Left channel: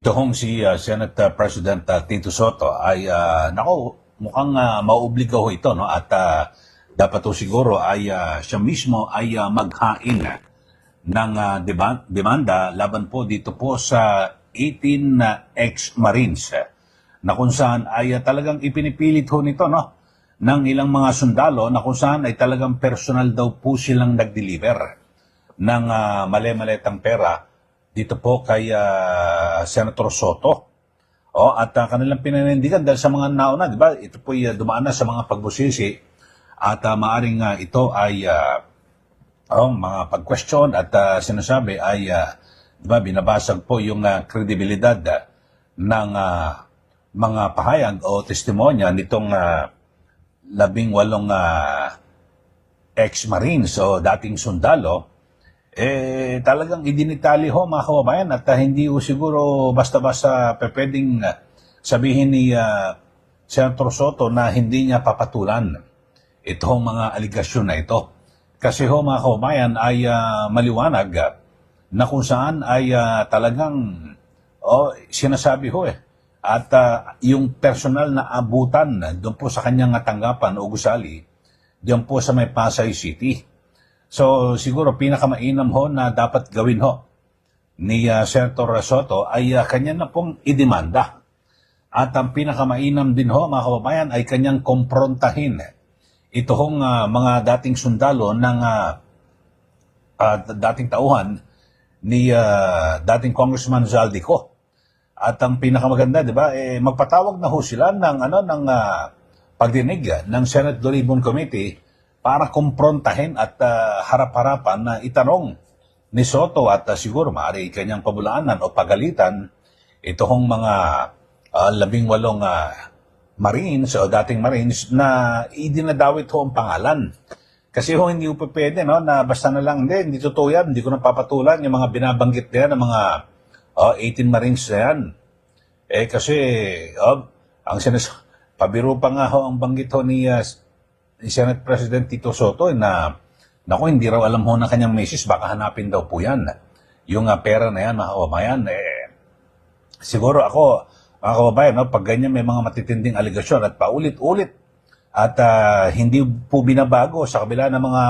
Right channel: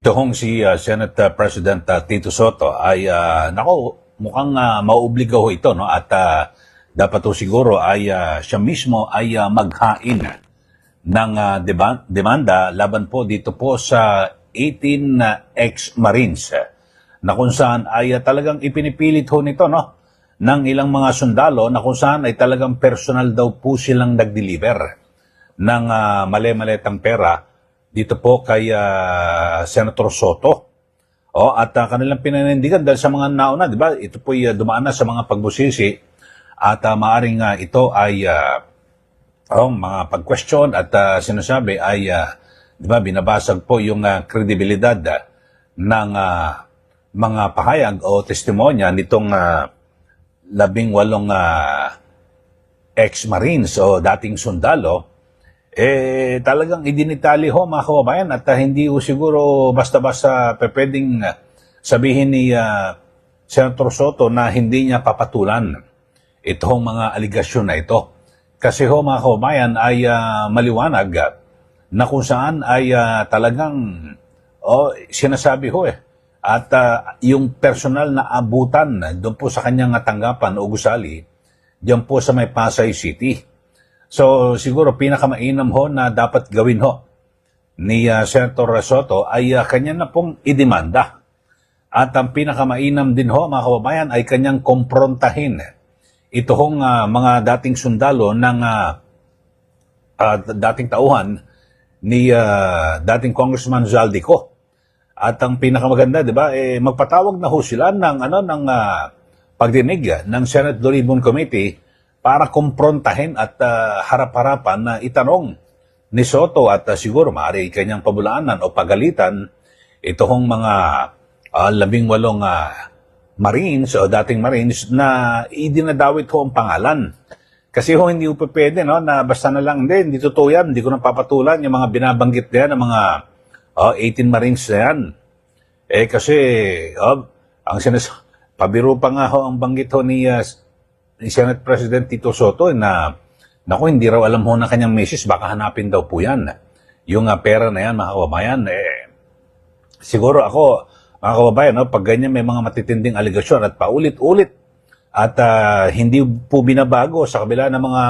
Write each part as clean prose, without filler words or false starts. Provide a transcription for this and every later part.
Ito hong si Senate President Tito Soto ay mukhang mauobliga ho ito, no? At dapat ho siguro ay siya mismo ay maghain ng demanda laban po dito po sa 18 ex-Marines na kung saan ay talagang ipinipilit ho nito, no? Ng ilang mga sundalo na kung saan ay talagang personal daw po silang nag-deliver ng mali-maletang pera dito po kay Senator Soto. At kanilang pinanindigan dahil sa mga nauna, di ba? Ito po dumaan na sa mga pagbusisi at maaring ito ay mga pag-question at sinasabi ay di ba, binabasag po yung kredibilidad ng mga pahayag o testimonya nitong 18 ex-Marines o dating sundalo. Talagang idinitali ho mga kababayan at hindi ho siguro basta-basta pwedeng sabihin ni Senator Soto na hindi niya papatulan itong mga aligasyon na ito. Kasi ho mga kababayan ay maliwanag na kung saan ay talagang sinasabi ho at yung personal na abutan doon po sa kanyang tanggapan o gusali diyan po sa may Pasay City. So siguro pinakamainam ho na dapat gawin ho ni Senator Soto ay kanya na pong idemanda. At ang pinakamainam din ho mga kababayan ay kanyang komprontahin ito hong mga dating sundalo ng dating tauhan ni dating Congressman Zaldico. At ang pinakamaganda, di ba, magpatawag na ho sila ng pagdinig ng Senate Dolibon Committee para kumprontahin at harap-harapan na itanong ni Soto at siguro maaari kanyang pabulaanan o pagalitan itong mga 18 Marines o dating Marines na idinadawit ho ang pangalan. Kasi ho hindi po pwede, no, na basta na lang, hindi totoo yan, hindi ko napapatulan yung mga binabanggit na yan ng mga 18 Marines na yan. Kasi ang pabiro pa nga ho ang banggit ho ni Senate President Tito Soto na naku, hindi raw alam ho na kanyang misis, baka hanapin daw po yan. Yung pera na yan, mga kababayan, siguro ako, mga kababayan, no, pag ganyan may mga matitinding aligasyon at paulit-ulit at hindi po binabago sa kabila ng mga,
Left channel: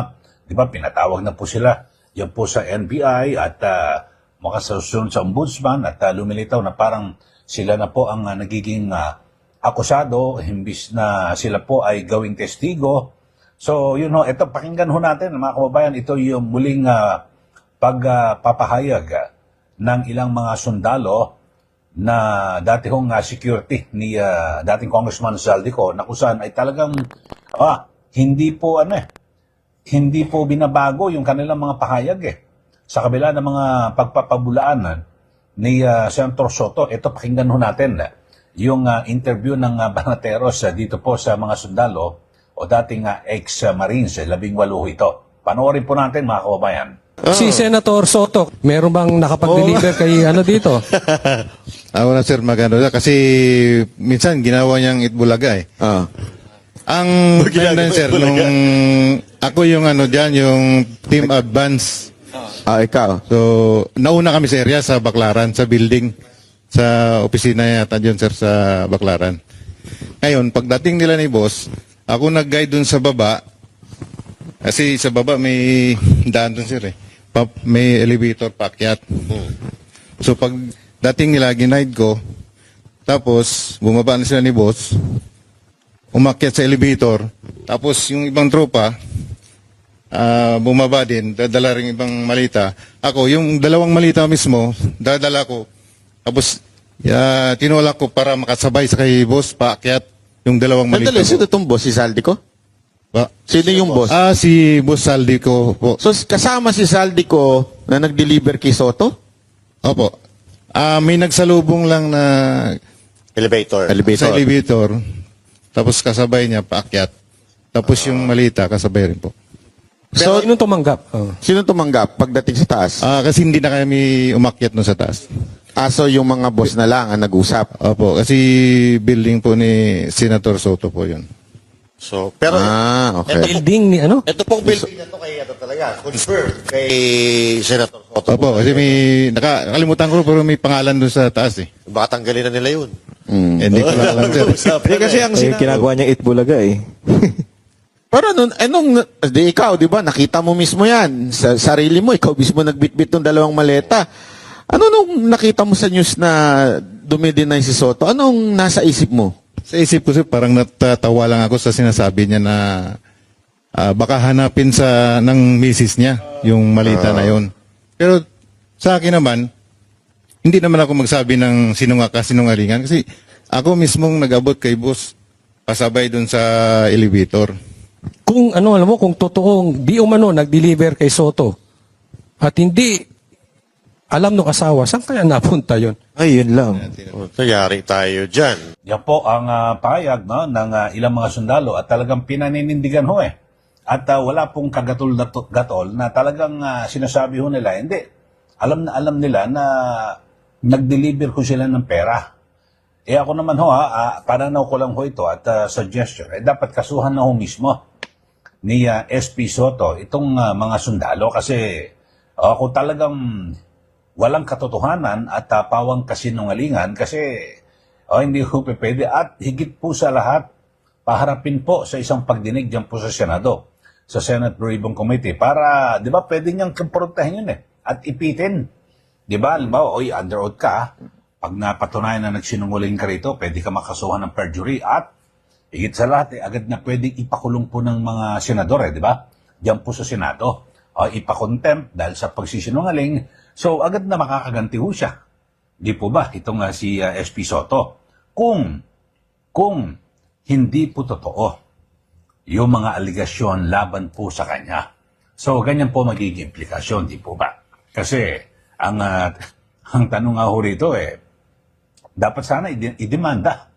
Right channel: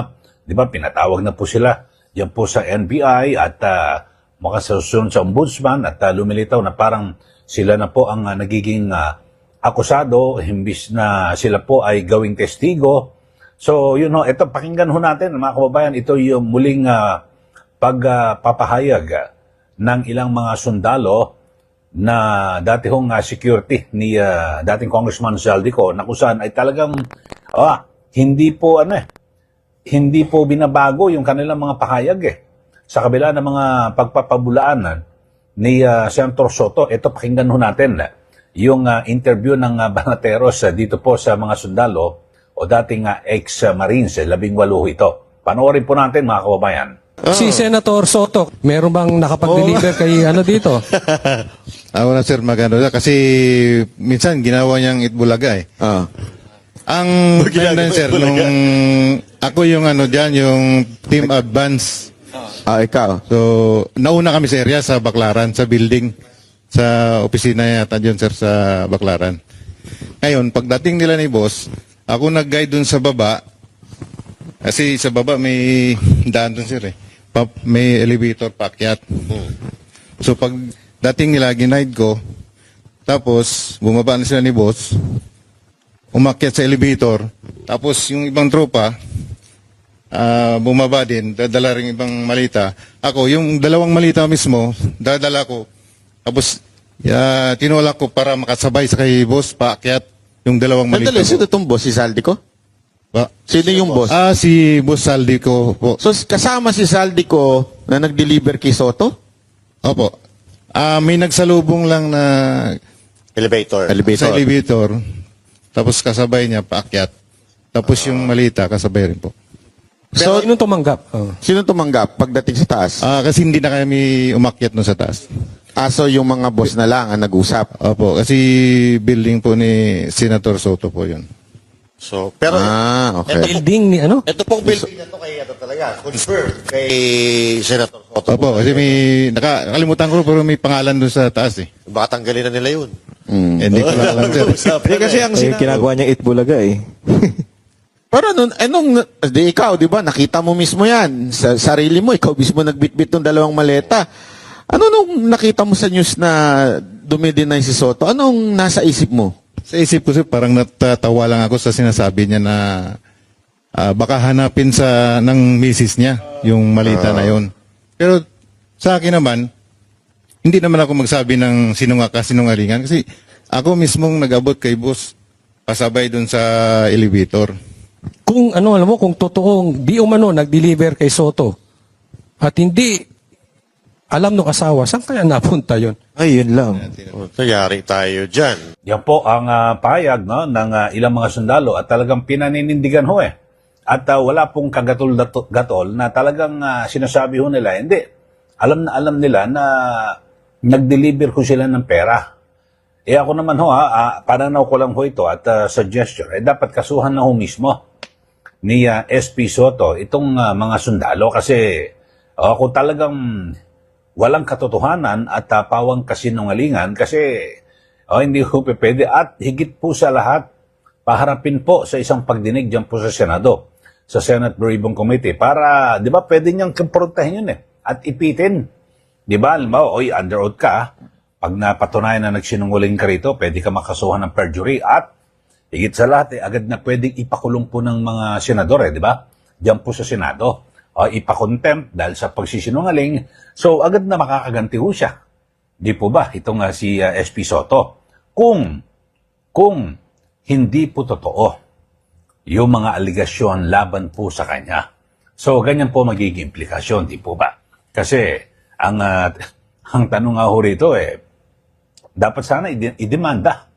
di ba, pinatawag na po sila yan po sa NBI at makasasunod sa ombudsman at lumilitaw na parang sila na po ang nagiging akusado, himbis na sila po ay gawing testigo. So, yun ho, ito, pakinggan ho natin, mga kababayan, ito yung muling pagpapahayag ng ilang mga sundalo na dati hong security ni dating Congressman Zaldico na kung saan ay talagang hindi po binabago yung kanilang mga pahayag sa kabila ng mga pagpapabulaan ni Senator Soto. Ito, pakinggan ho natin yung interview ng Banateros dito po sa mga sundalo o dating ex-Marines, 18 ito. Panoorin po natin, mga kababayan. Si Senator Soto, meron bang nakapag-deliver kay dito? Ako na sir, magano kasi minsan ginawa niyang Itbulaga Ang ganda sir, nung ako yung dyan, yung team advance. Ikaw. So, nauna kami sa area sa Baclaran, sa building. Sa opisina yata dyan, sir, sa Baclaran. Ngayon, pagdating nila ni boss, ako nag-guide dun sa baba. Kasi sa baba may daan dun, sir, may elevator paakyat. So, pag dating nila, ginaid ko, tapos, bumaba na sila ni boss, umakyat sa elevator, tapos yung ibang tropa, bumaba din, dadala rin ibang malita. Ako, yung dalawang malita mismo, dadala ko. Tapos, tinulak ko para makasabay sa kay boss, paakyat yung dalawang malita ko. Sino itong boss? Si Zaldico? Sino yung boss? Si Boss Zaldico po. So, kasama si Zaldico na nag-deliver kay Soto? Opo. May nagsalubong lang na Elevator. sa elevator. Tapos kasabay niya, paakyat. Tapos yung malita, kasabay rin po. So, sinong tumanggap? Sino tumanggap pagdating sa taas? Kasi hindi na kami umakyat no sa taas. So yung mga boss na lang ang nag-usap. Opo, kasi building po ni Senator Soto po yun. So, pero okay. Building ni ano? ito pong building na to kay ano talaga, confirm kay Senator Soto. Opo, kasi may, nakalimutan ko pero may pangalan doon sa taas eh. Baka tanggalin na nila yun. Hindi ko lang alam, sir. Hindi kasi ang Ginagawa niyang Itbulaga eh. Pero di ikaw, di ba, nakita mo mismo yan. Sa sarili mo, ikaw mismo nagbitbit ng 2 maleta. Ano nung nakita mo sa news na dumidinay si Soto? Anong nasa isip mo? Sa isip ko, sir, parang natatawa lang ako sa sinasabi niya na baka hanapin ng misis niya yung malita na yon. Pero sa akin naman, hindi naman ako magsabi ng sinungalingan kasi ako mismong nag-abot kay boss pasabay dun sa elevator. Kung ano, alam mo, kung totoong di umano nag-deliver kay Soto at hindi alam ng asawa, saan kaya napunta yon? Ay, yun lang. Tayari tayo dyan. Yan po ang pahayag no, ng ilang mga sundalo at talagang pinaninindigan ho eh. At wala pong kagatol na talagang sinasabi ho nila, hindi. Alam nila na nag-deliver ko sila ng pera. Eh ako naman ho, pananaw ko lang ho ito at suggestion, dapat kasuhan na ho mismo ni SP Soto itong mga sundalo kasi kung talagang walang katotohanan at pawang kasinungalingan kasi hindi po pwede at higit po sa lahat paharapin po sa isang pagdinig dyan po sa Senado, sa Senate Blue Ribbon Committee para, di ba, pwede niyang kumprontahin yun at ipitin. Di ba, alam mo, under oath ka, pag napatunayan na nagsinungaling ka rito, pwede ka makasuhan ng perjury at higit sa lahat, agad na pwedeng ipakulong po ng mga senador, di ba? Diyan po sa Senado. Ipakontempt dahil sa pagsisinungaling. So, agad na makakaganti ho siya. Di po ba? Itong si SP Soto. Kung hindi po totoo yung mga aligasyon laban po sa kanya. So, ganyan po magiging implikasyon, di po ba? Kasi, ang tanong nga ho rito dapat sana idemanda.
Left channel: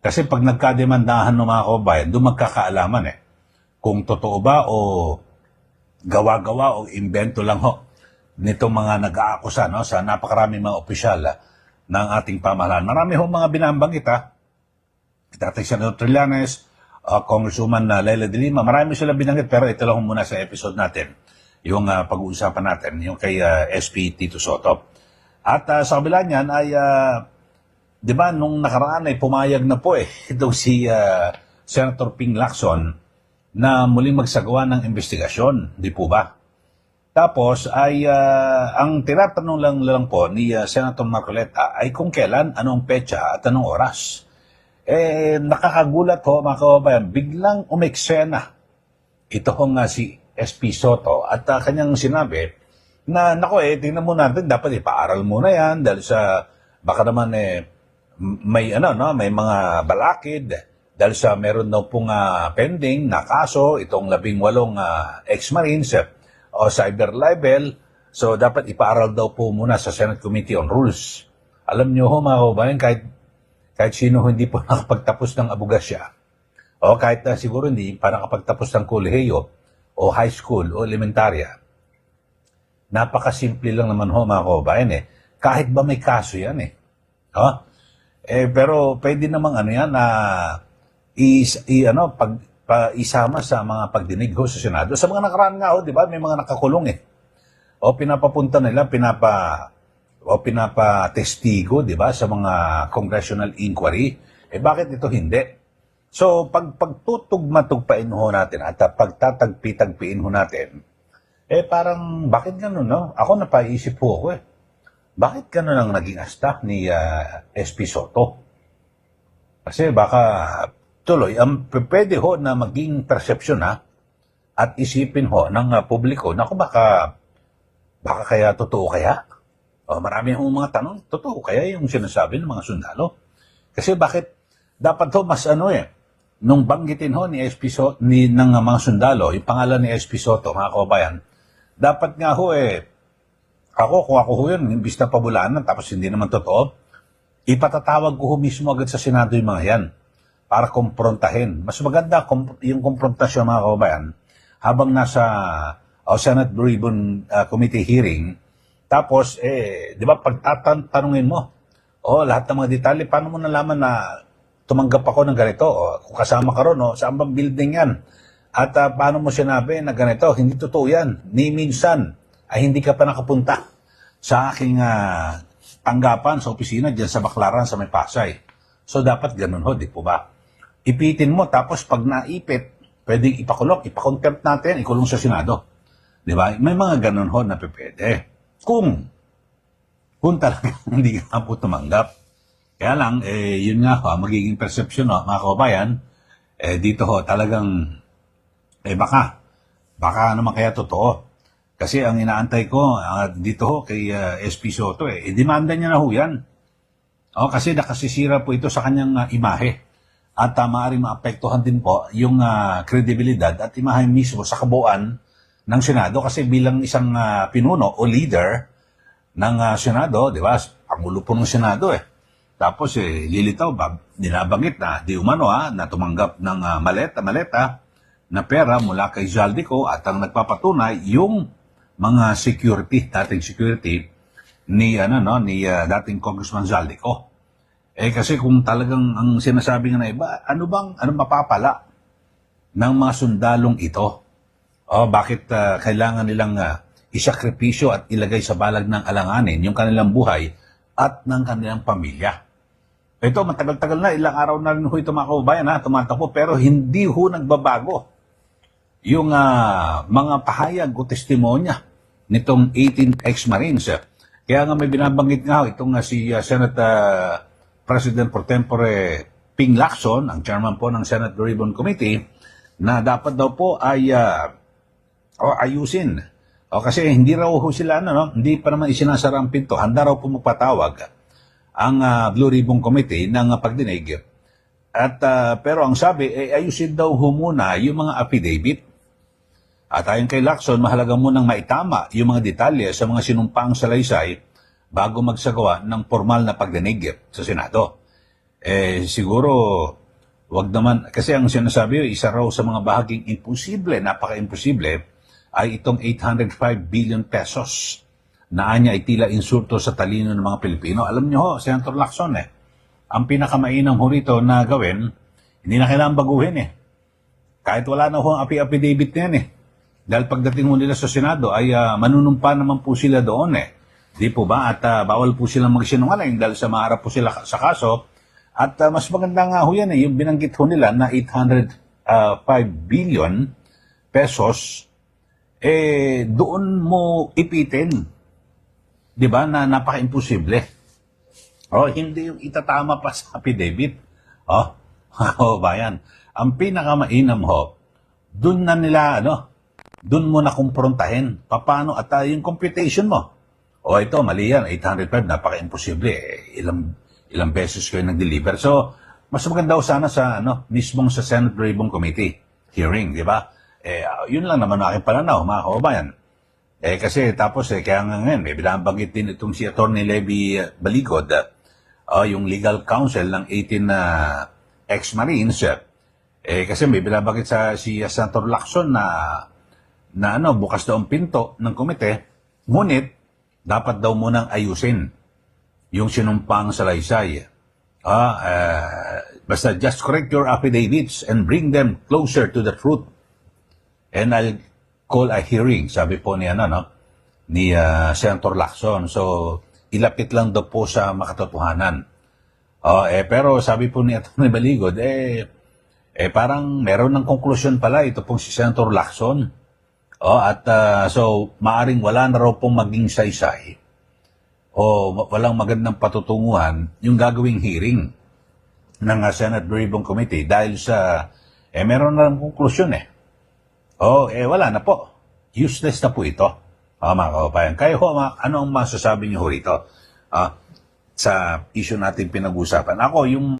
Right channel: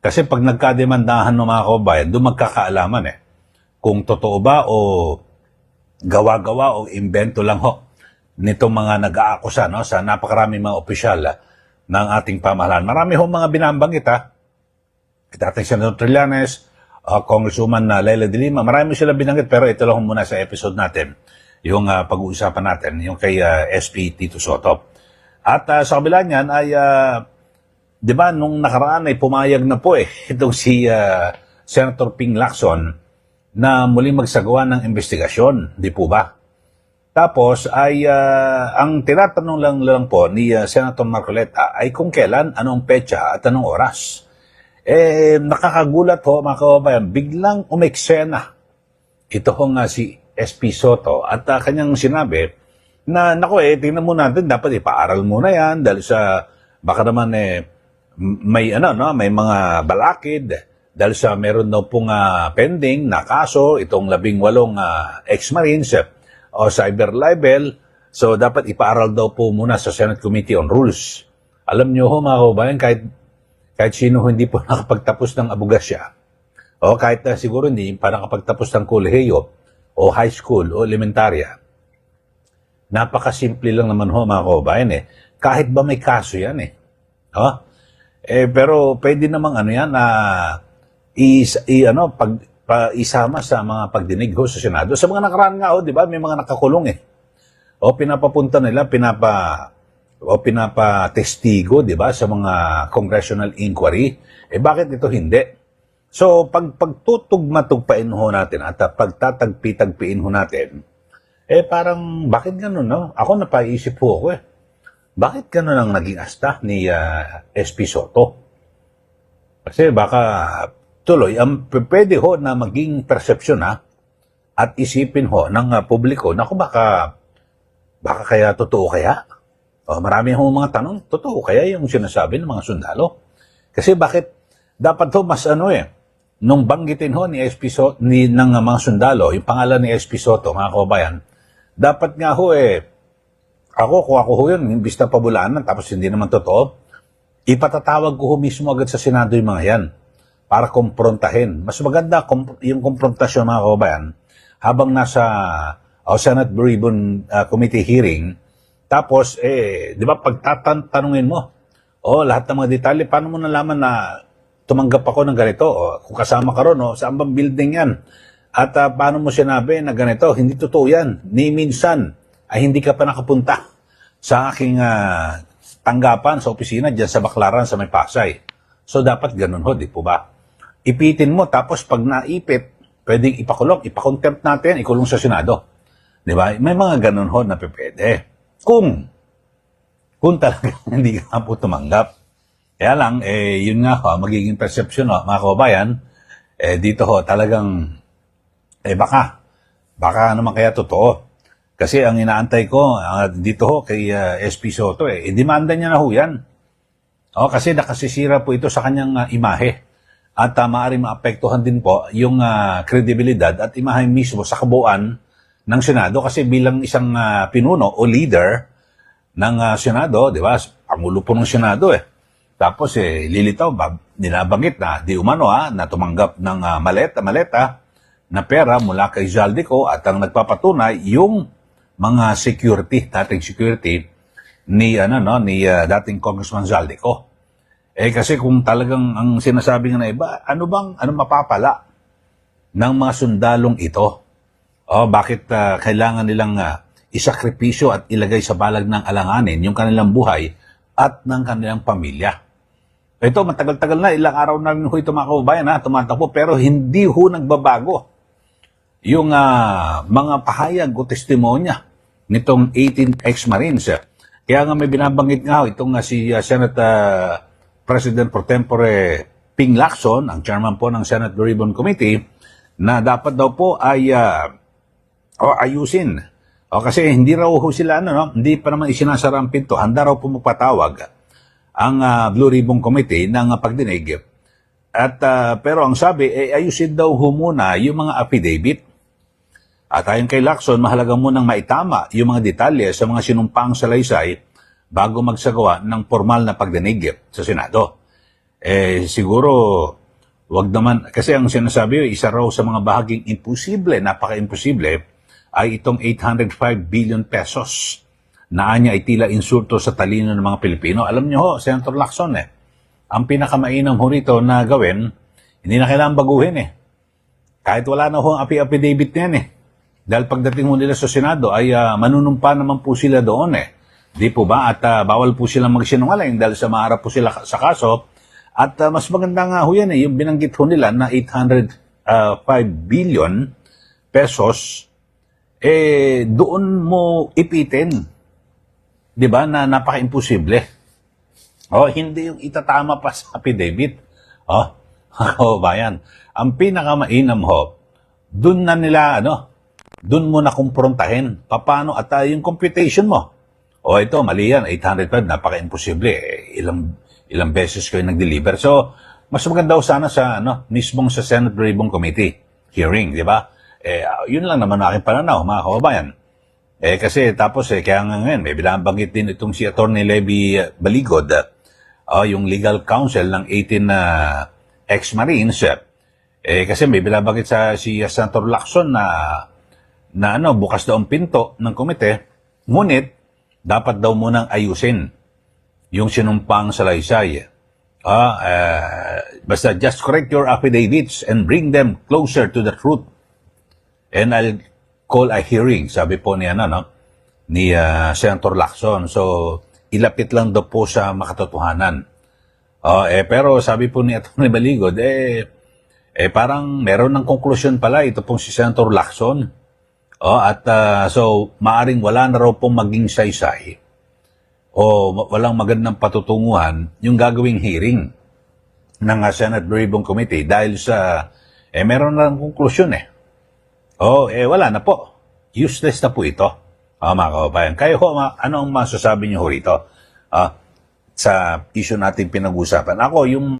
Kasi pag nagkademandahan ng mga kababayan, doon magkakaalaman kung totoo ba o gawa-gawa o invento lang ho nito mga nag-aakusa sa napakaraming mga opisyal ng ating pamahalaan. Marami ho mga binabanggit dating Senator Trillanes, Congresswoman Leila de Lima, marami sila binanggit pero ito lang muna sa episode natin, yung pag-uusapan natin, yung kay SP Tito Soto. At sa kabila niyan ay, di ba, nung nakaraan ay pumayag na po itong si Senator Ping Lacson na muling magsagawa ng investigasyon, di po ba? Tapos ay ang tinatanong lang po ni Senator Marcoleta ay kung kailan, anong petsa at anong oras. Nakakagulat po mga kababayan, biglang umeksena ito po nga si SP Soto at kanyang sinabi na tingnan mo natin, dapat ipaaral muna yan dahil sa baka naman may mga balakid dahil sa meron daw pong pending na kaso itong 18 ex-Marines o cyber libel. So dapat ipaaral daw po muna sa Senate Committee on Rules. Alam niyo ho mga kababayan, kahit sino hindi po nakapagtapos ng abogasya o kahit siguro hindi pa nakapagtapos ng kolehiyo o high school o elementarya, napakasimple lang naman ho mga kababayan kahit ba may kaso yan pero pwede namang yan na isama sa mga pagdinig ho sa Senado. Sa mga nakaraan nga di ba, may mga nakakulong o pinapapunta nila, pinapatestigo, di ba, sa mga congressional inquiry. Bakit ito hindi? So, pagtutugma-tugpain ho natin at pagtatagpi-tagpiin ho natin, parang, bakit gano'n, no? Ako napaisip po ako bakit gano'n ang naging asta ni SP Soto? Kasi baka tuloy, pwede ho na maging persepsyon at isipin ho ng publiko, naku baka kaya totoo kaya? Marami ho mga tanong, totoo kaya yung sinasabi ng mga sundalo? Kasi bakit dapat ho mas nung banggitin ho ni SP Soto, ng mga sundalo, yung pangalan ni SP Soto, mga kababayan, dapat nga ho kung ako ho yun, imbis na pabulaanan, tapos hindi naman totoo, ipatatawag ko ho mismo agad sa Senado yung mga yan para komprontahin. Mas maganda yung komprontasyon mga kababayan habang nasa Senate Blue Ribbon Committee hearing. Tapos, di ba, pagtatanungin mo, lahat ng mga detalye, paano mo nalaman na tumanggap ako ng ganito. O, kung kasama ka ron, saan bang building yan? At paano mo sinabi na ganito? Hindi totoo yan. Ni minsan ay hindi ka pa nakapunta sa aking tanggapan sa opisina dyan sa Baclaran sa May Pasay. So dapat ganun ho, di po ba? Ipitin mo, tapos pag naipit, pwedeng ipakulong, ipakontempt natin, ikulong sa Senado. Di ba? May mga ganun ho na pwede. Kung talaga hindi ka po tumanggap. Kaya lang, yun nga ho, magiging perception ho, mga kababayan, dito ho, talagang, baka naman kaya totoo. Kasi ang inaantay ko, dito ho, kay SP Soto, demanda niya na ho yan. Kasi nakasisira po ito sa kanyang imahe. At maaaring maapektuhan din po yung kredibilidad at imahe mismo sa kabuuan ng Senado. Kasi bilang isang pinuno o leader ng Senado, di ba? Pangulo po ng Senado Tapos lilitaw, ninabanggit na di umano na tumanggap ng maleta na pera mula kay Zaldico at ang nagpapatunay yung mga dating security ni dating Congressman Zaldico. Kasi kung talagang ang sinasabi nga na iba, ano mapapala ng mga sundalong ito? Bakit kailangan nilang isakripisyo at ilagay sa balag ng alanganin yung kanilang buhay at ng kanilang pamilya? Ito, matagal-tagal na, ilang araw na rin ho ito mga kaubayan tumatakbo, pero hindi ho nagbabago yung mga pahayag o testimonya nitong 18 ex-Marines. Kaya nga may binabanggit nga ho itong si Senate President Pro Tempore Ping Lacson, ang chairman po ng Senate Blue Ribbon Committee, na dapat daw po ay ayusin. Kasi hindi raw ho sila, hindi pa naman isinasara ang pinto. Handa raw po magpatawag ang Blue Ribbon Committee ng pagdinig. At pero ang sabi, ayusin daw ho muna yung mga affidavit. At ayon kay Lacson, mahalaga munang maitama yung mga detalye sa mga sinumpaang salaysay bago magsagawa ng formal na pagdinig sa Senado. Siguro, wag naman, kasi ang sinasabi, isa raw sa mga bahaging imposible, napaka-imposible, ay itong 805 billion pesos na anya ay tila insulto sa talino ng mga Pilipino. Alam niyo ho, Senator Lacson, ang pinakamainam ho rito na gawin, hindi na kailangan baguhin Kahit wala na ho ang affidavit niyan Dahil pagdating ho nila sa Senado ay manunumpa naman po sila doon Di po ba? At bawal po silang magsinungaling dahil sa maharap po sila sa kaso. At mas maganda nga ho yan yung binanggit ho nila na 805 billion pesos, doon mo ipitin. Di ba? Na napaka-imposible. Hindi yung itatama pa sa affidavit. Bayan. Ang pinakamainam ho, doon na nila, doon mo na kumprontahin. Paano? At yung computation mo. Ito, mali yan. 805, napaka-imposible. Ilang beses kayo nag-deliver. So, mas maganda ho sana sa, mismong sa Senate Ribbon Committee hearing, di ba? Yun lang naman aking pananaw, mga kababayan. Kasi tapos, kaya nga ngayon, may binabanggit din itong si Atty. Levy Baligod, yung legal counsel ng 18 ex-Marines. Kasi may binabanggit si Senator Lacson na bukas daw ang pinto ng komite, ngunit dapat daw munang ayusin yung sinumpang salaysay. Basta just correct your affidavits and bring them closer to the truth. And I'll call a hearing, sabi po ni Senator Lacson. So, ilapit lang daw po sa makatotohanan. Pero sabi po ni Atty. Baligod, parang meron ng konklusyon pala ito pong si Senator Lacson. So, maaring wala na raw pong maging saysay o walang magandang patutunguhan yung gagawing hearing ng Senate Blue Ribbon Committee dahil sa, meron na ng konklusyon wala na po. Useless na po ito, mga kababayan. Kayo ho, ano ang masasabi niyo ho rito sa issue natin pinag-usapan? Ako, yung